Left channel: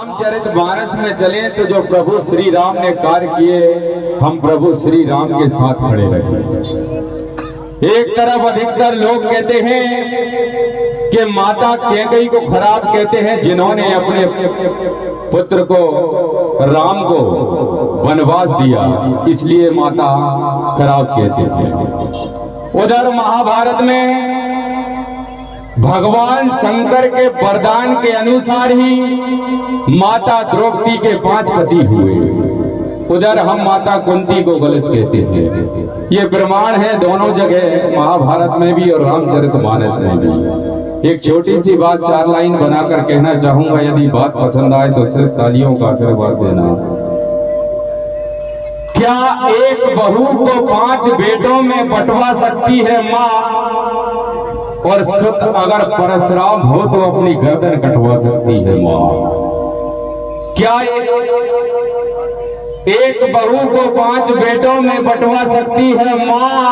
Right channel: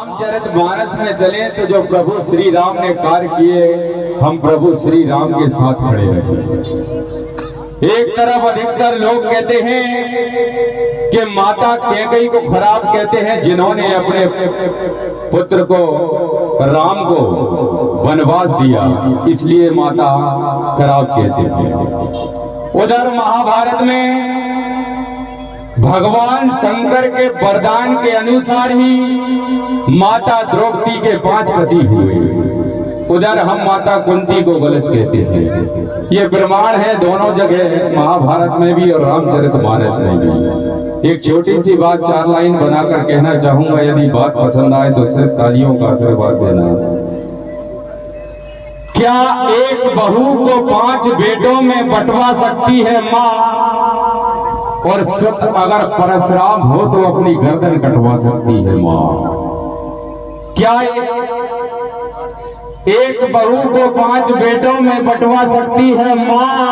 रामचरितमानस में चले तो जो प्रभु श्री राम ने कार्य किए, हम प्रभु श्री राम के साथ खड़े रहे। एक तरफ अधिकतर लोग कहते हैं कि माता कैकेयी को खराब कहते हैं, जिन्होंने अपने पुत्र को राम को वनवास दिया, इसलिए माता खराब कहते हैं। उधर महाभारत में भगवान शंकर के वरदान के अनुसार ही माता द्रौपदी के 5 पति हुए। उधर हम माता कुंती को गलत कहते हैं। ये प्रमाण है दोनों जगह, महाभारत में भी और रामचरितमानस में भी। एक छोटी सी बात 4 लाइन बनाकर कहना चाहूंगा, यदि बात पसंद आए तो सिर्फ तालियों का आशीर्वाद देना। क्या एक बहू को 5 बेटों में बंटवा सकती है माँ? और सुत अगर परशुराम हो तो अपनी गर्दन कटवा सकती है माँ। क्या एक बहू को 5 बेटों में बंटवा सकती है माँ?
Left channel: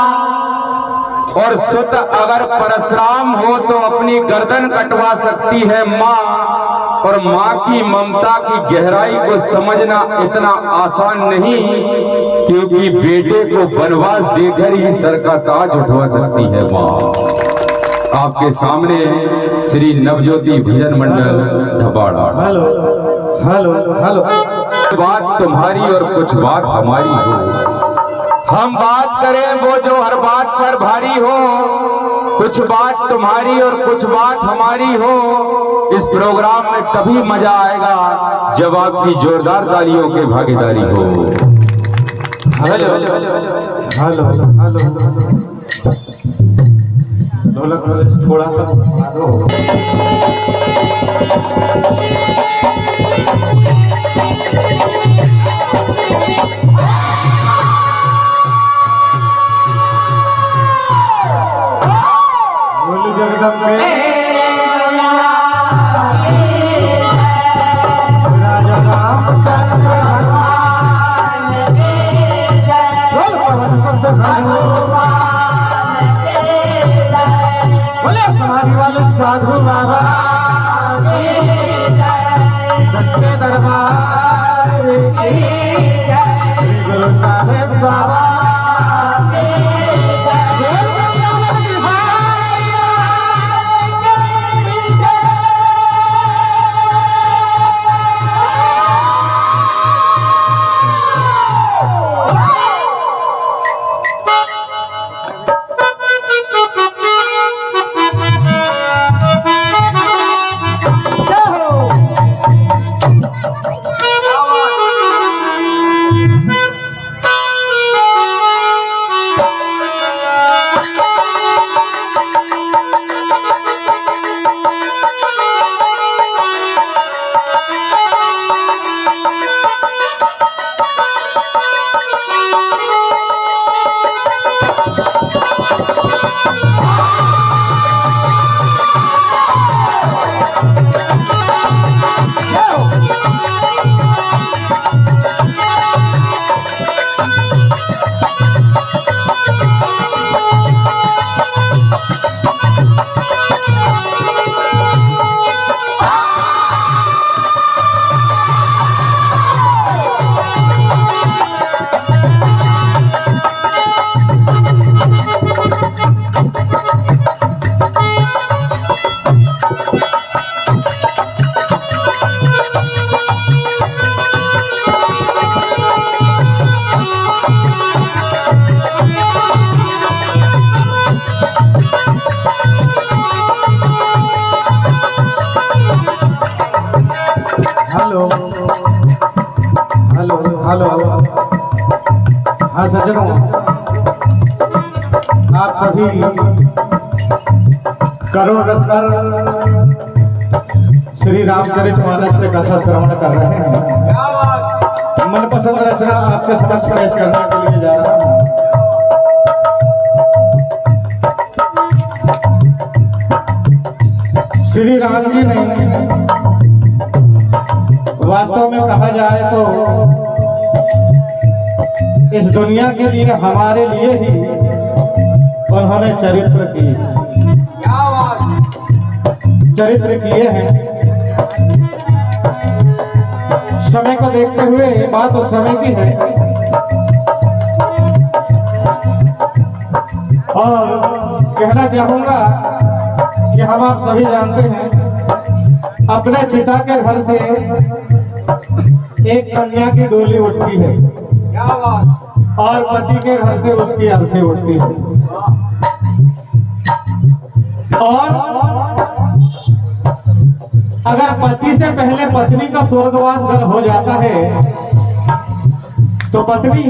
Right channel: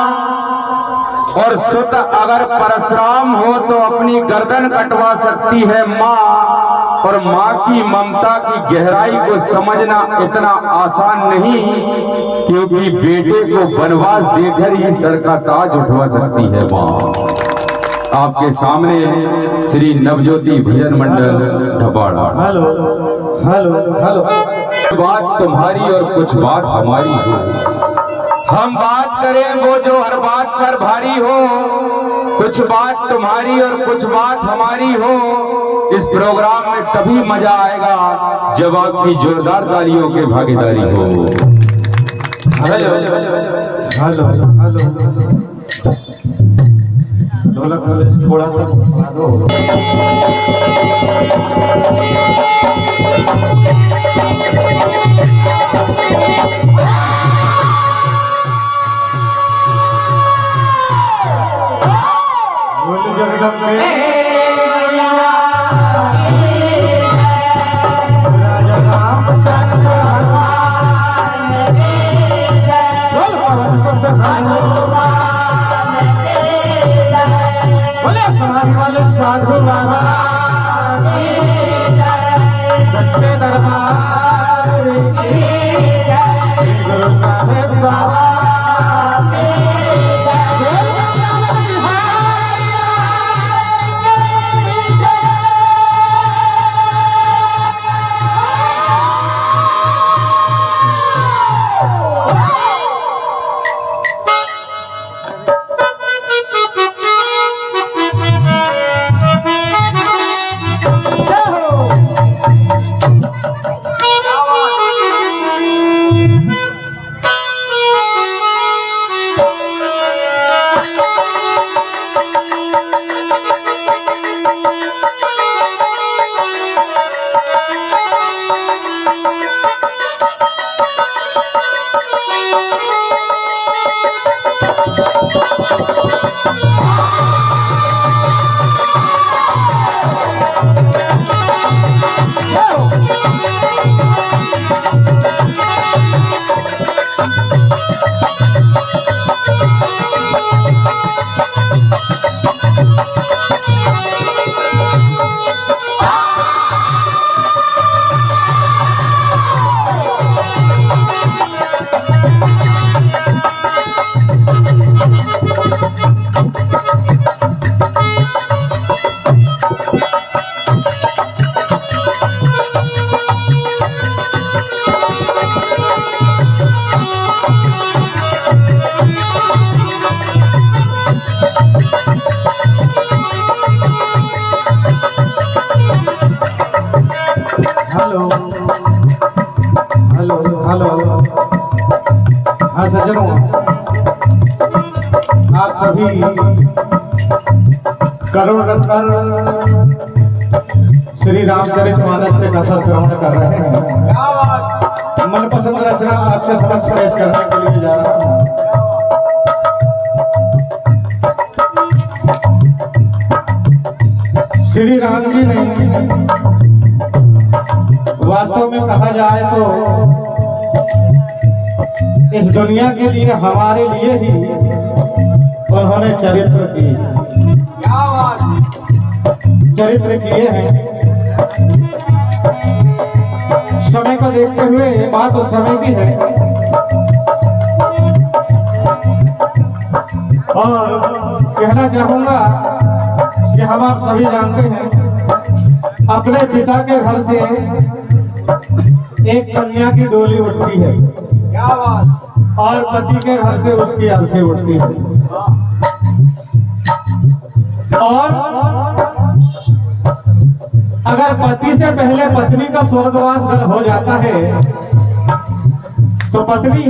और सुत अगर परशुराम हो तो अपनी गर्दन कटवा सकती है माँ। और माँ की ममता की गहराई को समझना इतना आसान नहीं, क्योंकि बेटे को वनवास देकर ही सर का ताज उठवा सकती है माँ। आपके सामने Shri Navjyoti Bhajan Mandal Dhapada. Hello hello hello. बात तुम्हारी और कुछ बात हमारी हो, हम बात करें वो जो हर बात पर भारी हो। कुछ बात तुम्हारी और कुछ बात हमारी हो। इस प्रोग्राम में तभी मजा आएगा जब आपकी जोरदार तालियों की भागीदारी हो। Hello hello hello. थोड़ा सा बोल जगदम्बे। साधु बाबा सच्चे दरबार की गुरु साहेब बाबा। Hello hello. हाँ सज्जनों, आप सभी करुण रत्न श्री रामचरितमानस से कथा श्रवण कर रहे हैं। मनपसंद रचना आपके समक्ष पेश करने के लिए जा रहा हूँ। श्री राम जी ने वास्तव में कहा जाए तो इस दुनिया के लिए, हमारे लिए ही उन्होंने चरित्र किए हैं। बात उस समय की है। और कहना चाहूंगा कि हम आप सभी जानते हैं अपने पिता के घर से एक कन्या की डोली उठती है और पति के घर से उसकी अर्थी उठती है। और अगर पति से पहले पत्नी का स्वर्गवास घर हो जाता है तो पत्नी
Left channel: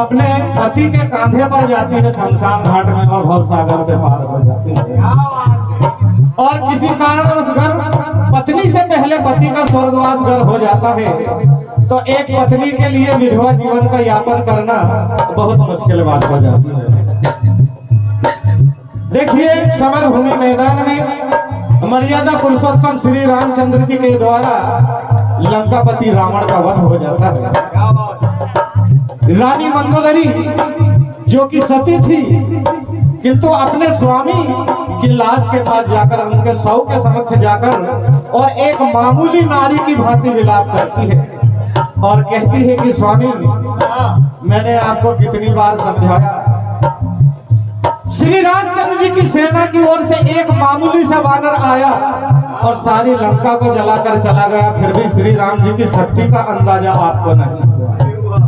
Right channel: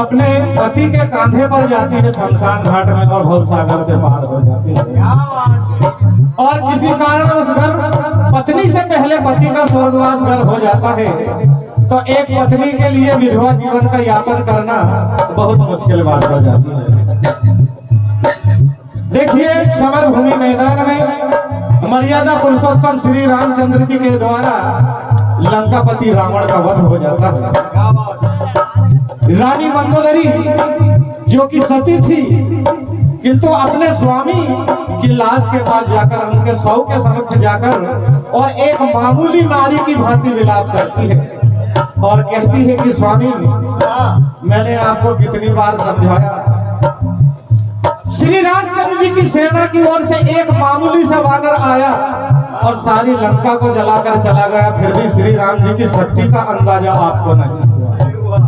अपने पति के कांधे पर जाती है शमशान घाट में और भवसागर से पार हो जाती है। और किसी कारण उस घर पत्नी से पहले पति का स्वर्गवास घर हो जाता है तो एक पत्नी के लिए विधवा जीवन का यापन करना बहुत मुश्किल बात हो जाती है। देखिए समर भूमि मैदान में मर्यादा पुरुषोत्तम श्री रामचंद्र जी के द्वारा लंकापति रावण का वध हो जाता है। रानी मंदोदरी जो कि सती थी किंतु अपने स्वामी की लाश के पास जाकर उनके शव के समक्ष जाकर और एक मामूली नारी की भांति विलाप करती है और कहती है कि स्वामी मैंने आपको कितनी बार समझाया, श्री रामचंद्र जी की सेना की ओर से एक मामूली सा वानर आया और सारी लंका को जलाकर चला गया, फिर भी श्री राम जी की शक्ति का अंदाजा आपको नहीं हुआ,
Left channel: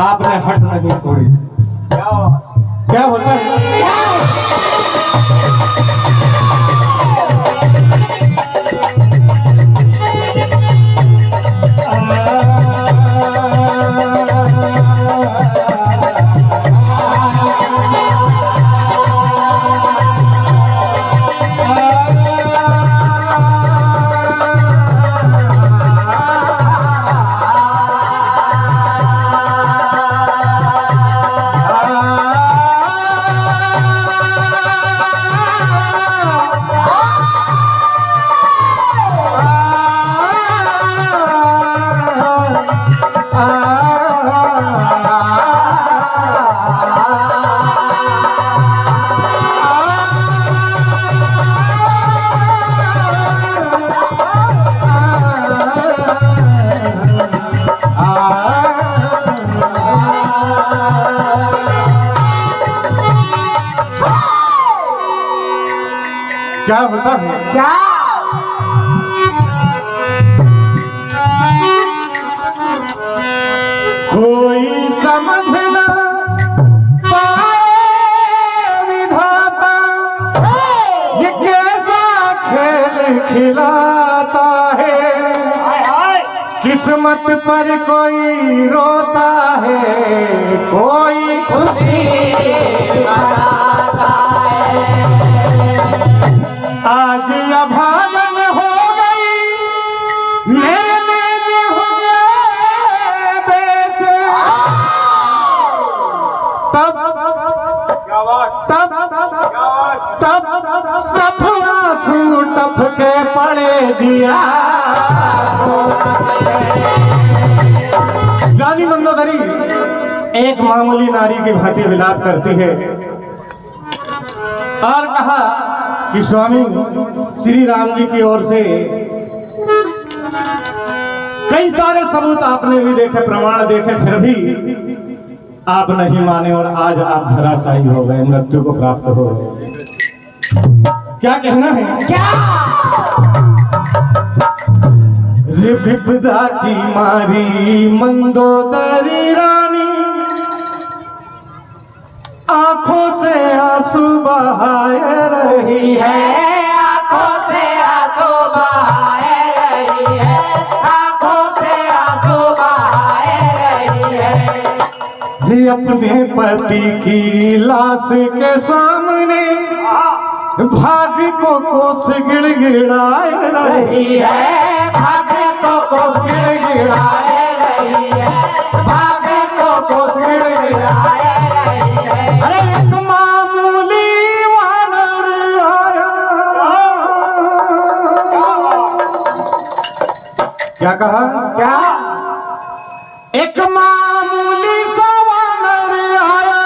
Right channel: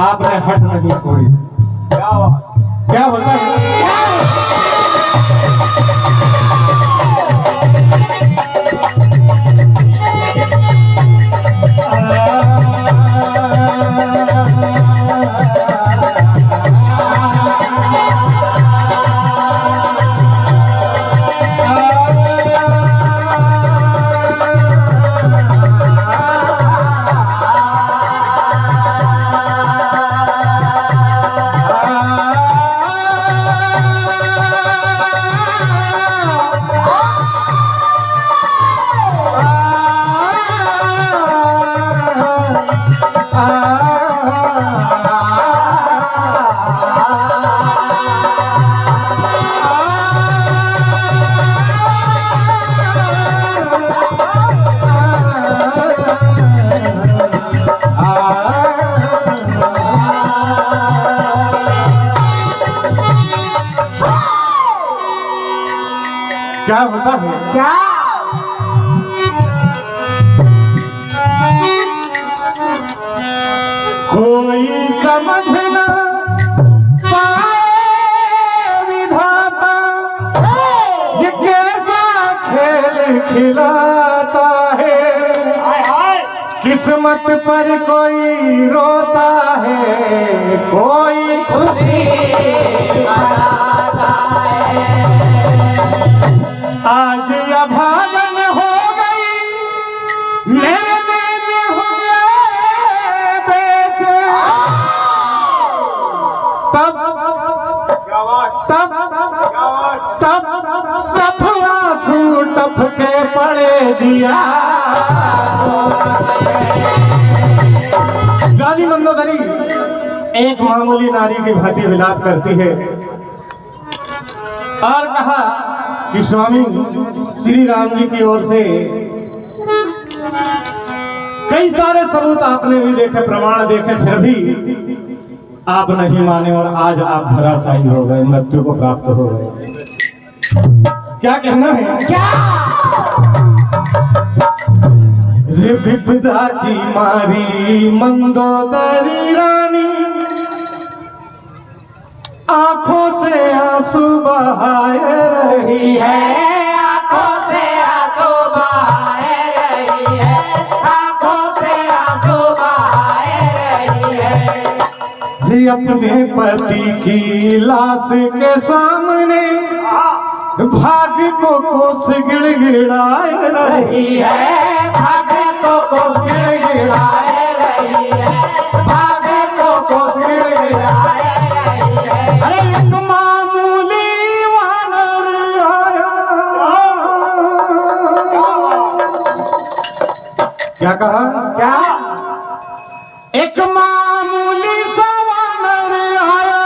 आपने हट नहीं छोड़ी। क्या होता है क्या होता है क्या कोई समझ न पाए विधाता ये कैसा खेल खिलाता है, किस्मत पर कोई रोता है कोई खुशी आज अभागन हो गई मेरे में हुए बेचे तब आंसू टपके पड़े दिया। रानी मंदोदरी एक मामूली नारी की भांति विलाप करती है और कहा कि स्वामी श्री राम जी की ओर से कई सारे सबूत आपने भी देखे, प्रमाण देखे, फिर भी आप नहीं माने और आज आप धराशायी हो गए, मृत्यु को प्राप्त हो गए। क्या कहना है क्या ये विपदा की मारी मंदोदरी रानी आंखों से आंसू बहाए रही है, आंखों से आंसू बहाए रही है, आंखों से आंसू बहाए रही है। ये अपने पति की लाश के सामने भाग्य को कोस गिड़गिड़ाए रही है, भाग्य को कोस गिड़गिड़ाए रही है, भाग्य को कोस गिड़गिड़ाए रही है। अरे एक मामूली वानर आया, क्या कहा क्या एक मामूली सा वानर आया,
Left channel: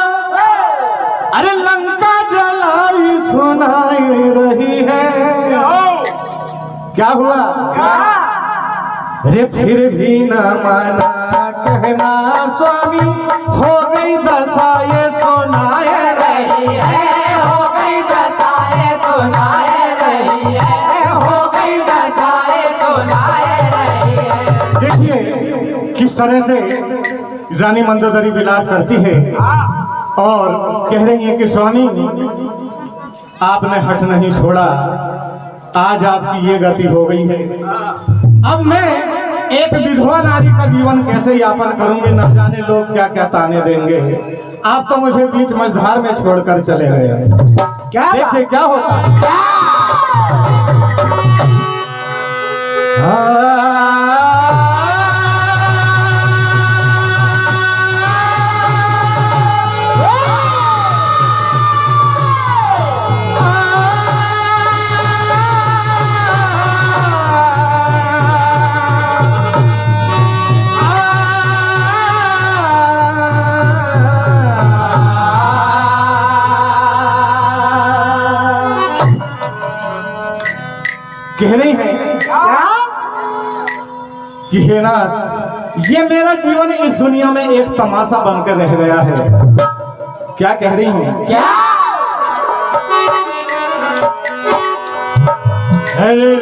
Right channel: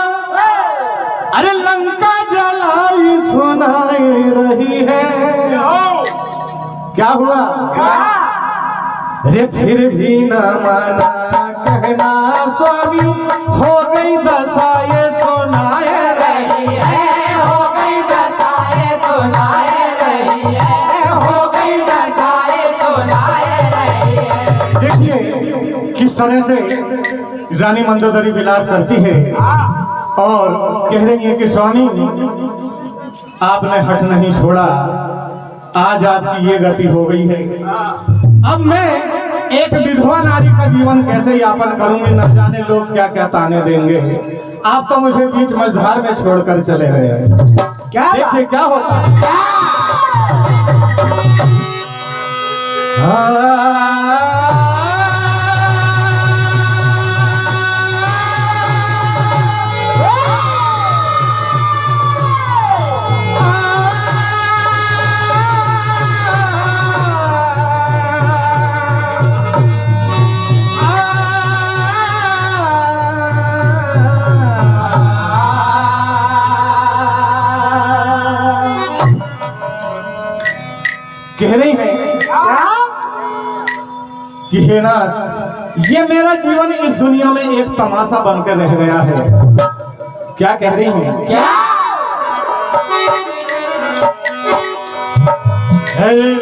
अरे लंका जलाई सुनाई रही है। क्या हुआ अरे फिर भी न माना कहना स्वामी हो गई दशा ये सुनाए रही है, हो गई दशाएं सुनाए रही है, हो गई दशाएं सुनाए रही है। देखिए किस तरह से रानी मंदोदरी विलाप करती है और कह रही है कि स्वामी आपने हट नहीं छोड़ा, आज आपकी ये गति हो गई है। अब मैं एक विधवा नारी का जीवन कैसे यापन करूंगी, न जाने लोग क्या क्या ताने देंगे। आप तो मुझे बीच मझधार में छोड़कर चले गए। क्या देखिए क्या होता है। कह रही है कि हे नाथ, ये मेरा जीवन इस दुनिया में एक तमाशा बनकर रह गया है। क्या कह रही हूँ? क्या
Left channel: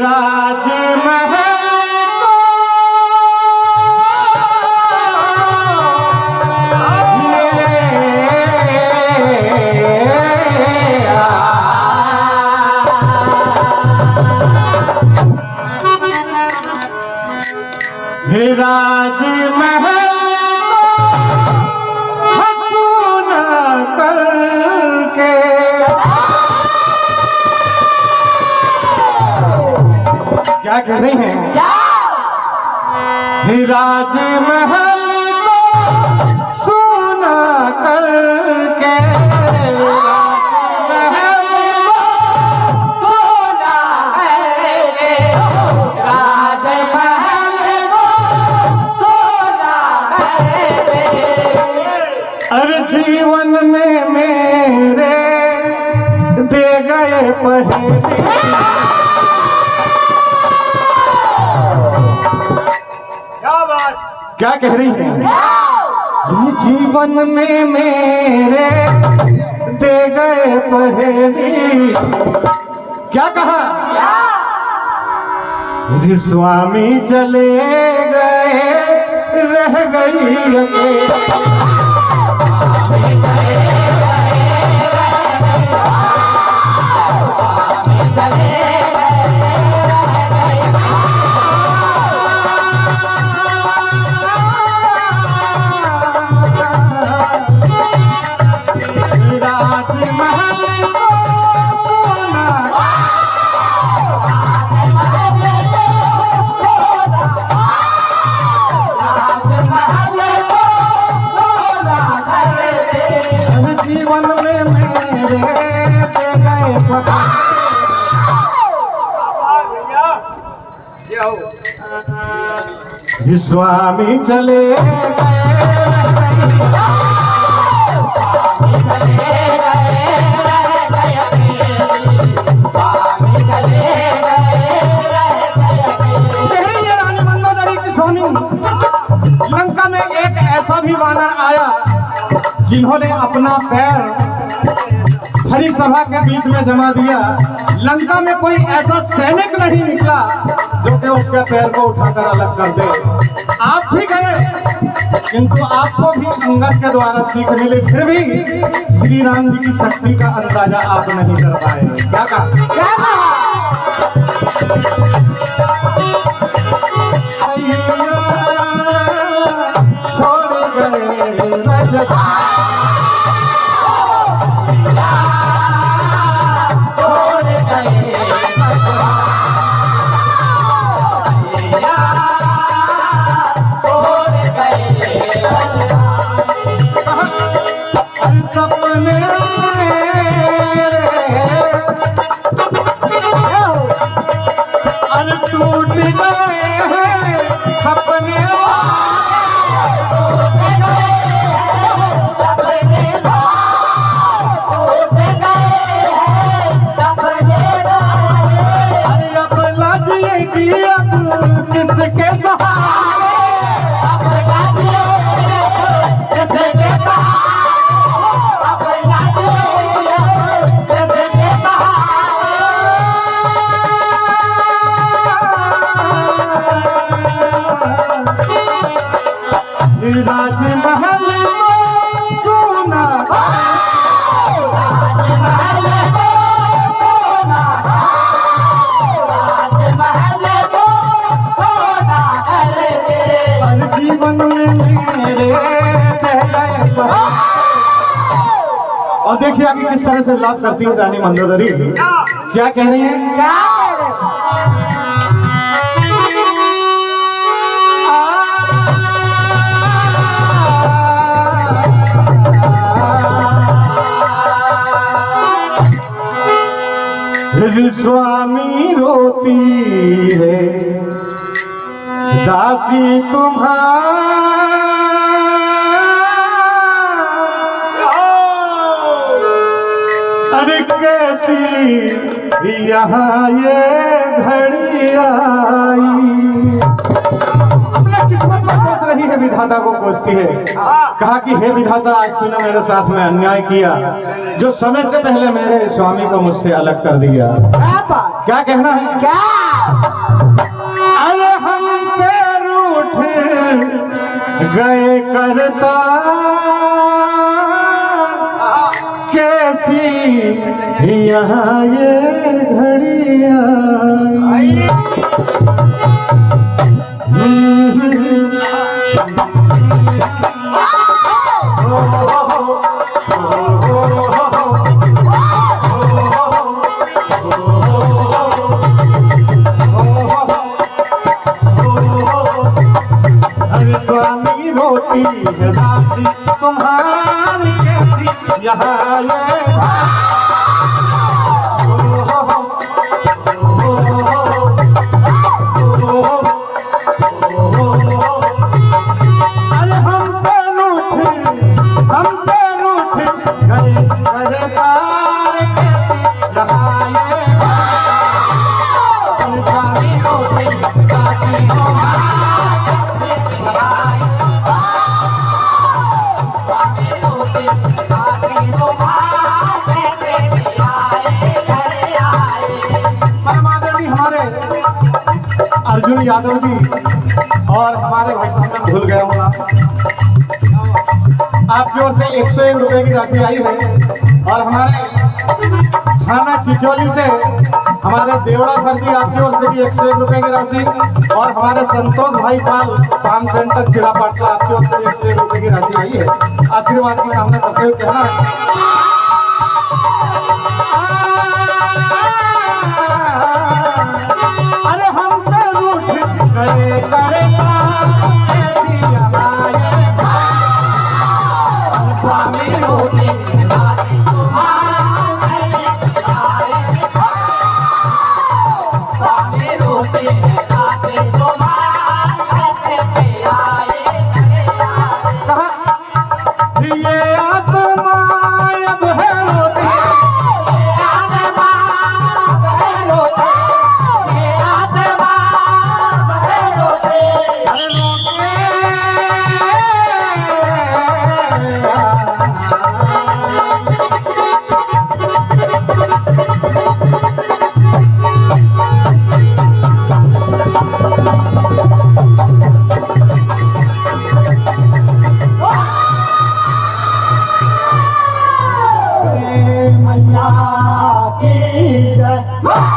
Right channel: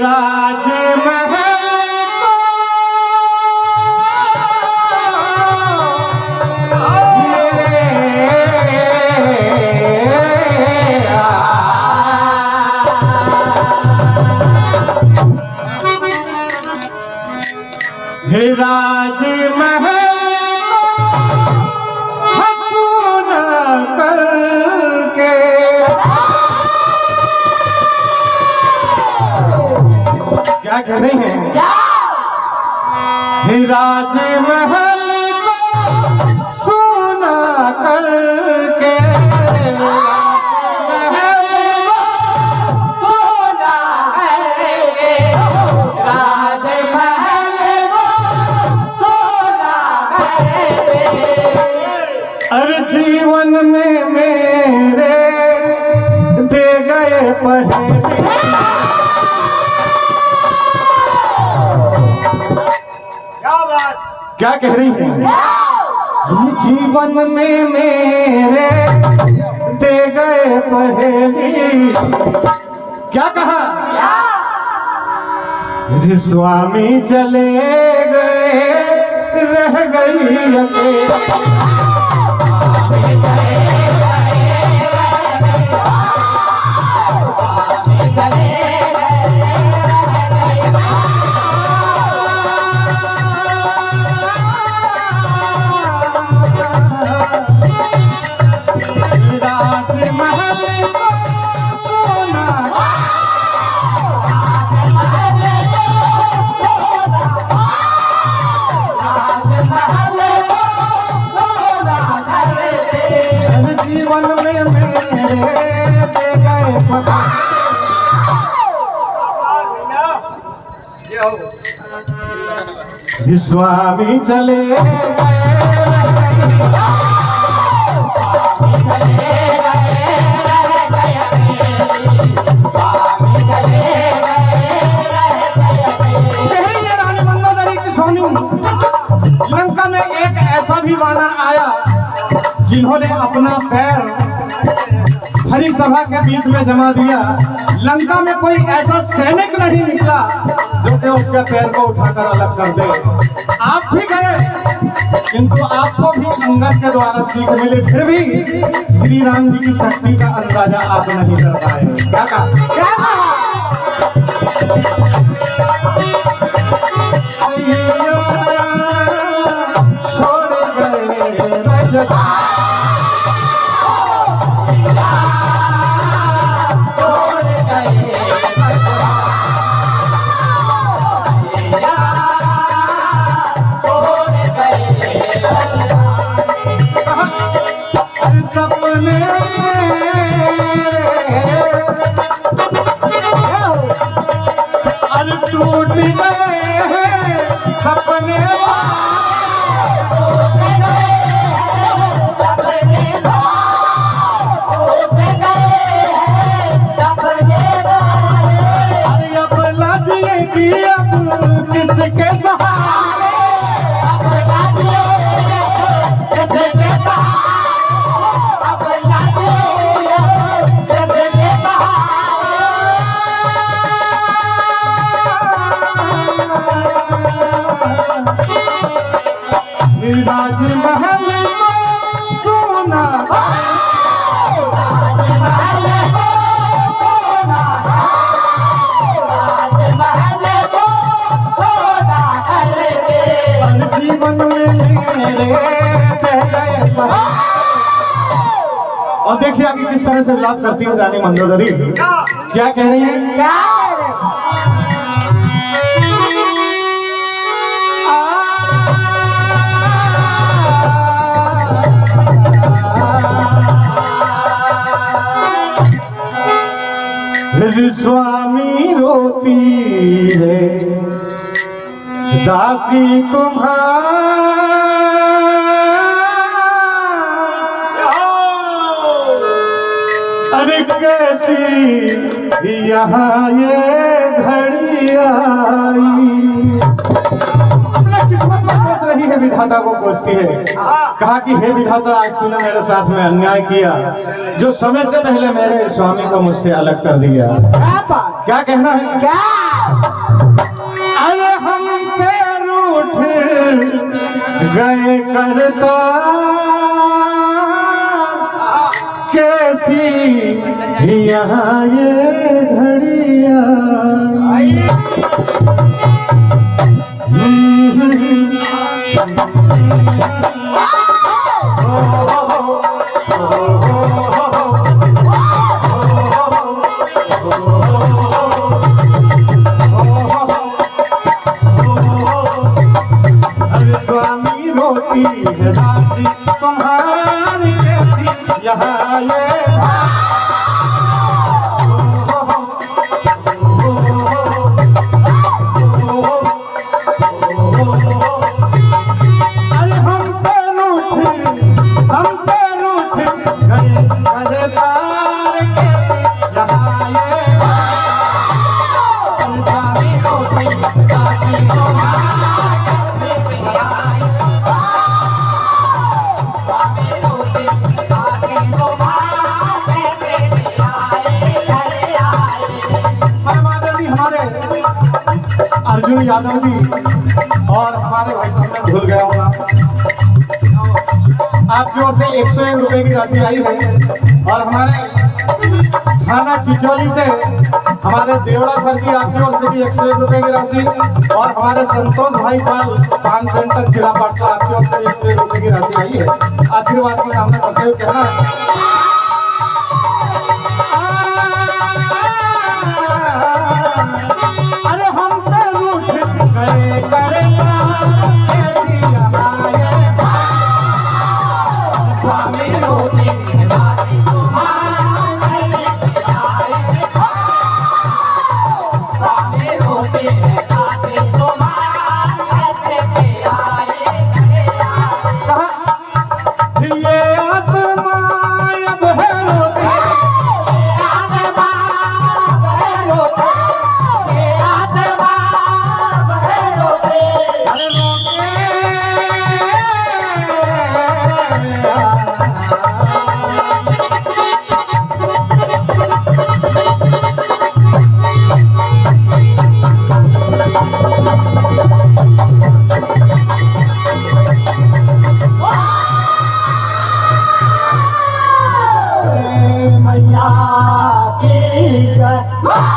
राज महल राज महल हसूना करके क्या कर रही हैं? राज महल को सुना करके जीवन में मेरे दे गए पहले। क्या कह रही है? जीवन में मेरे दे गए पहली। क्या कहा? स्वामी चले गए रह गई अकेली। जीवन में मेरे स्वामी चले रानी मंदोदरी की स्वामी लंका में एक ऐसा भी वानर आया जिन्होंने अपना पैर हरी सभा के बीच में जमा दिया। लंका में कोई ऐसा सैनिक नहीं निकला जो कि उसके पैर को उठाकर अलग कर दे। आप भी गए किंतु आपको भी अंगद के द्वारा सीख मिली, फिर भी श्री राम जी की शक्ति का अंदाजा आप नहीं कर पाए। क्या कहा? छोड़ गए सपने टूट गए सपने अब लजिए कि अब किसके सहारे राजमहल को सोना जीवन में मेरे और देखिए आगे किस तरह से विलाप करती है रानी मंदोदरी। क्या कह रही है? स्वामी रोती है दासी तुम्हारी, अरे कैसी यहाँ ये घड़ी आई। अपना किस्मत में कोस रही है, विधाता को कोसती है। कहा कि हे विधाता, आज तूने मेरे साथ में अन्याय किया, जो समय से पहले मेरे स्वामी को मुझसे अलग कर दिया। क्या कहना है? क्या? अरे हम पे रूठ गए करता, कैसी यहाँ ये घड़िया। स्वामी रोटी है दासी तुम्हारी, कैसी यहाँ ये अर्जुन यादव जी और हमारे भाई साहब भूल गया होगा, आप जो से 101 रुपए की राशि आई है। और हमारे थाना चिचोली से हमारे देवड़ा सर जी आप जो से भी 101 रुपए की राशि, और हमारे संतोष भाई पाल पान सेंटर जिला पाटला आप जो से 101 रुपए की राशि आई है। आशीर्वाद में हमने सदैव कहना मैया की जय।